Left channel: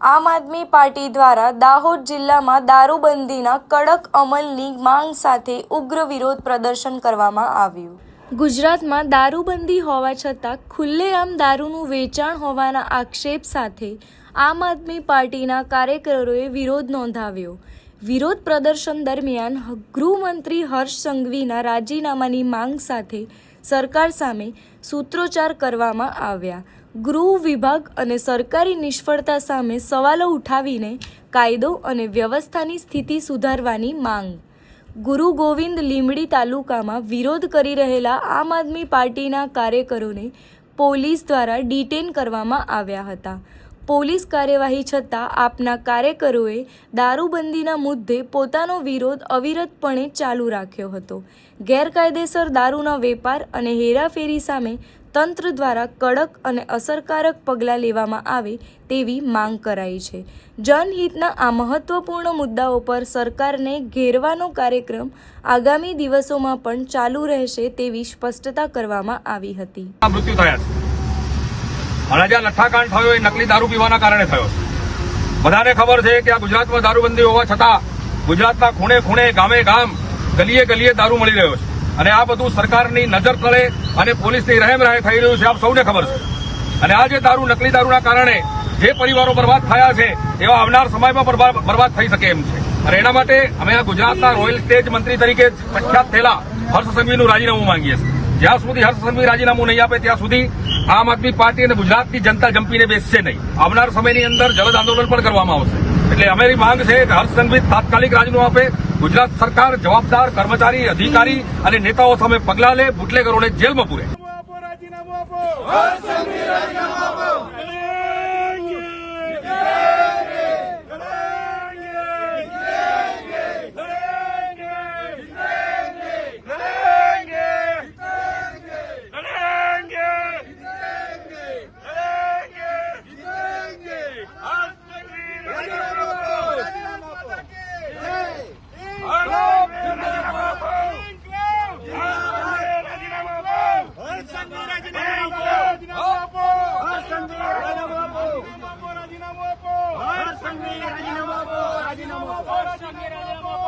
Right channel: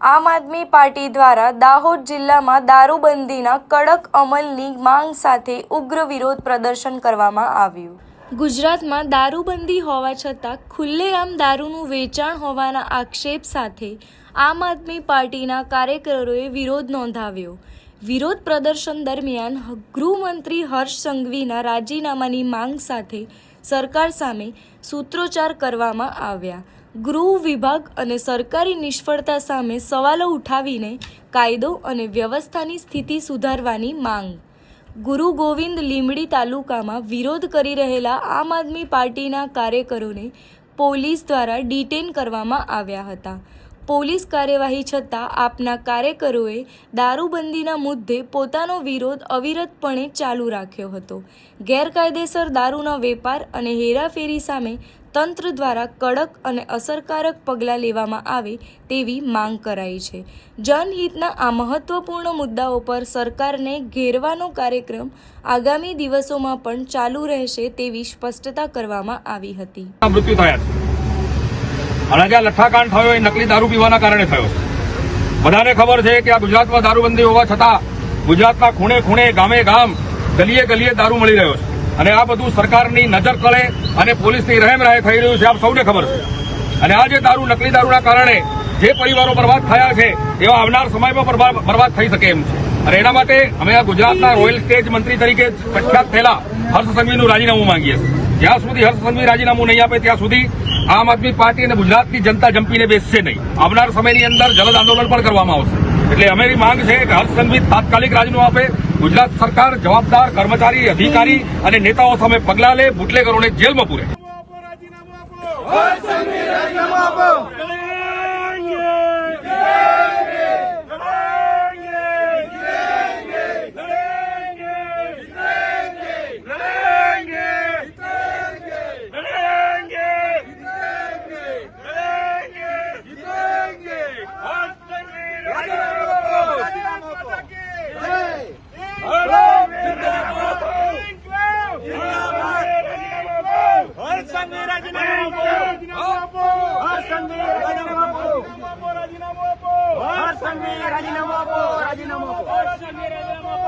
આમ આદમી પાર્ટી દ્વારા દાહોદ જિલ્લામાં દારૂબંધીના કડક અમલની માંગ સાથે ઉગ્ર વિરોધ પ્રદર્શન કરવામાં આવ્યું। ગુજરાતમાં દારૂબંધી હોવા છતાં ખુલ્લેઆમ દારૂનું વેચાણ હોવાના આક્ષેપ સાથે આમ આદમી પાર્ટીના કાર્યકરોએ વિરોધ નોંધાવ્યો। વિરોધ પ્રદર્શન દરમિયાન ગૃહમંત્રી હર્ષ સંઘવીના રાજીનામાની માંગ સાથે સરકાર સામે સૂત્રોચ્ચાર કરવામાં આવ્યા। ગૃહ વિભાગ અને સરકારી નિષ્ફળતા સામે સવાલો ઉઠાવીને કાયદો અને વ્યવસ્થાની સ્થિતિ સુધારવાની માંગ। ગુરુ ગોવિંદ લીંબડી તાલુકામાં વિરોધ કરી રહેલા આમ આદમી પાર્ટીના કાર્યકરોને પોલીસ દ્વારા ડિટેન કરવામાં આવ્યા હતા। પોલીસ કાર્યવાહી છતાં આપના કાર્યકરોએ દારૂબંધીના મુદ્દે પોતાનો વિરોધ અવિરતપણે ચાલુ રાખ્યો હતો। ગેરકાયદેસર દારૂના વેપાર અને હેરાફેરી સામે તંત્ર દ્વારા કડક અને અસરકારક પગલાં લેવામાં આવે તેવી માંગ કરાઈ છે। જનહિતના આ મહત્વપૂર્ણ મુદ્દાઓ પર સરકારને ઘેરવાનો કાર્યક્રમ આગામી દિવસોમાં પણ ચાલુ રહેશે તેવી સ્પષ્ટતા કરવામાં આવી હતી। મૃત્યુ થયા છે અને જે લઠ્ઠાકાંડ થયો એ નકલી દારૂ પીવાના કારણે થયો છે। બધાને ખબર છે કે આ ગુજરાતમાં દારૂબંધી હોવા છતાં ગુજરાતના ખૂણે ખૂણે ગામે ગામ ગલીએ ગલીએ દારૂ મળી રહ્યો છે અને આ બધું સરકારની નજર તળે અને પોલીસની રહેમરાહે થઈ રહ્યું છે, આપ સૌને ખબર છે। અને આ જે દારૂ નકલી દારૂના કારણે જે પરિવારો બરબાદ થયા છે એવા આવનાર સમયમાં બરબાદ થઈ શકે એમ છે। અને એના માટે અમે આ ગુજરાતના રોયલ સ્ટેજ મંત્રી તરીકે પ્રખ્યાત થયેલા હર્ષ સંઘવીનું રાજીનામું માંગીએ છીએ। જ્યાં સુધી હર્ષ સંઘવી રાજીનામું નહીં આપે ત્યાં સુધી આમ આદમી પાર્ટી અને ગુજરાતની જનતા જંપીને બેસશે નહીં। આવનાર સમયની અંદર જલદ આંદોલન પણ કરવામાં આવશે। એટલે અમારી માંગ છે કે હર્ષ સંઘવી તાત્કાલિક રાજીનામું આપે, ગુજરાત સરકાર જવાબદાર કર્મચારી, અધિકારી અને નેતાઓ સામે પગલાં લે, બુટલેગરોને જેલમાં પૂરે। રાજીનામું